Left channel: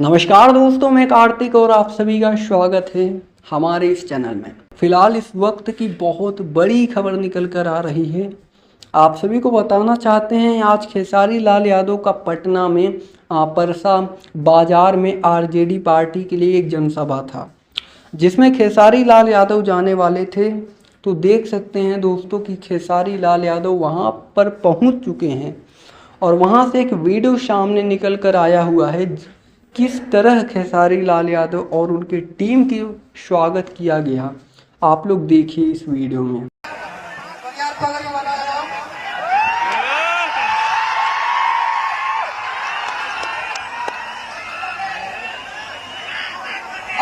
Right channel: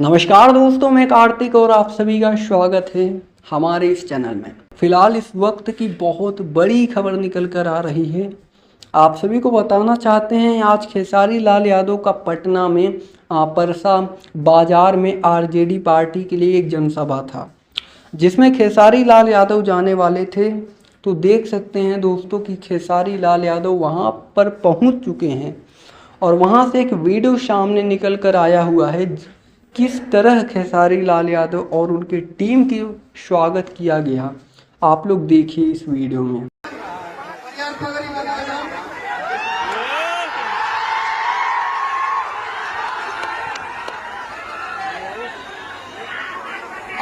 नमस्कार दोस्तों, मैं कार्तिक और आप सभी का स्वागत है हमारे इस चैनल में। फिलहाल इस वक्त की बहुत बड़ी खबर निकल कर आ रही है। आप सभी को बताना चाहते हैं, आज खेसारी लाल यादव का पटना में परसा बाजार में आरजेडी पार्टी के लिए एक जनसभा था, जिसमें खेसारी लाल यादव जाने वाले थे। तो देख सकते हैं दोस्तों कि खेसारी लाल यादव वहां पर पहुंच चुके हैं और वहां से एक वीडियो सामने निकल कर आया हुआ है, किस तरह खेसारी लाल यादव और उनकी टीम की स्वागत किया गया। आप लोग देखिए इस वीडियो में।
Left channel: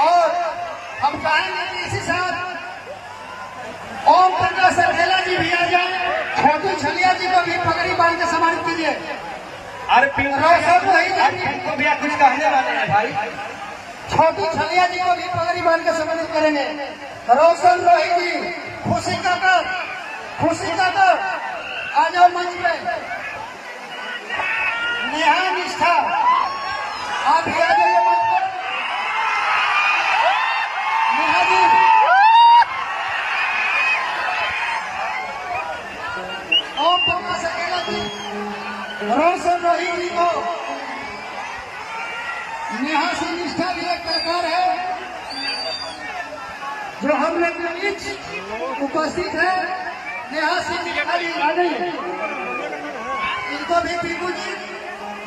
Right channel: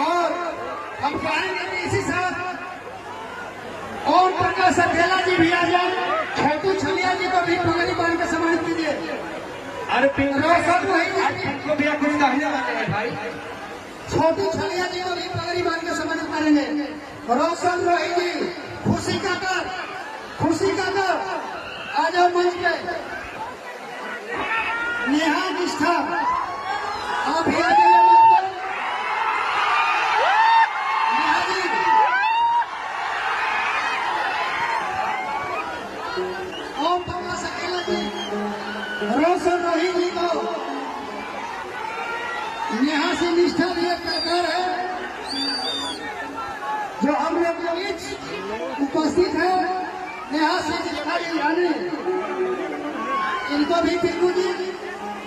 और हम चाहेंगे कि इसी साथ ओम प्रकाश अकेला जी भी आ जाए, छोटू छलिया जी को भी पगड़ी बांध के सम्मानित कीजिए। अरे पिंको भैया कुछ कहने वाले हैं भाई। छोटू छलिया जी को भी पगड़ी बांध के सम्मानित करेंगे। रोशन रोही जी, खुशी काकर आ जाओ मंच पे। निहार निष्ठा आप ही आ जाइए मंच पर। निहार जी, ओम प्रकाश अकेला जी, रोशन रोही जी को नेहा से निष्ठा भी एक प्रकार है जो हम लोग के बीच उपस्थित है। नेहा से इनको भी पिंकू जी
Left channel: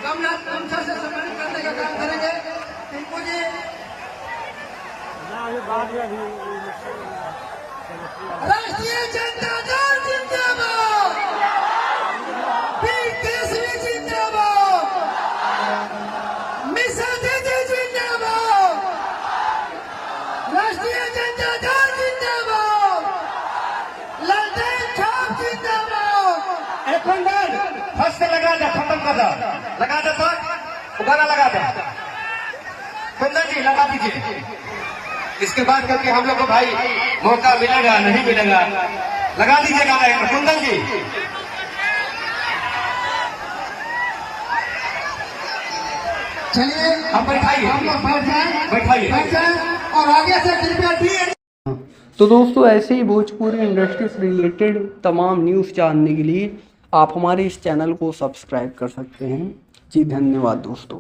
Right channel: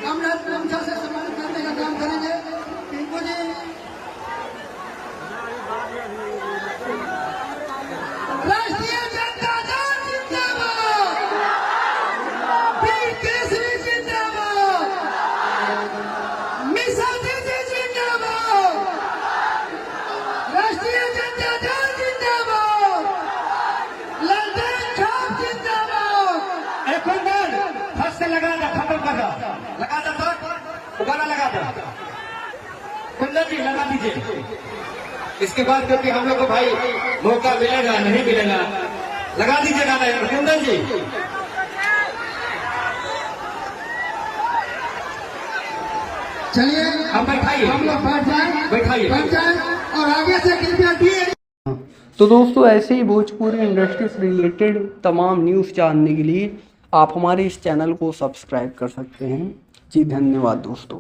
गमछा से सम्मानित करने का काम करेंगे। पिंकू जी राष्ट्रीय जनता दल जिंदाबाद, वीर केसरी जिंदाबाद, मिसा दीदी जिंदाबाद, राष्ट्रीय जनता दल जिंदाबाद, ललटेन छाप जिंदाबाद। एक मिनट फर्स्ट लगा दे, खत्म कर लगा दे, तो गाना लगा दे। कुंदन जी लगा दीजिए। इसके बाद क्योंकि हम लोग को भाई मौका मिलेगा नहीं मिलेगा, लगा दीजिए गाना कुंदन जी। चलिए हम बैठाइए, हम लोग बैठाइए और आगे से कृपया। तो दोस्तों, ऐसे ही भोजपुरी इंडस्ट्री से रिलेटेड तमाम न्यूज़ जानने के लिए आप हमारे इस चैनल को सब्सक्राइब कर सकते हैं। जी धन्यवाद दोस्तों।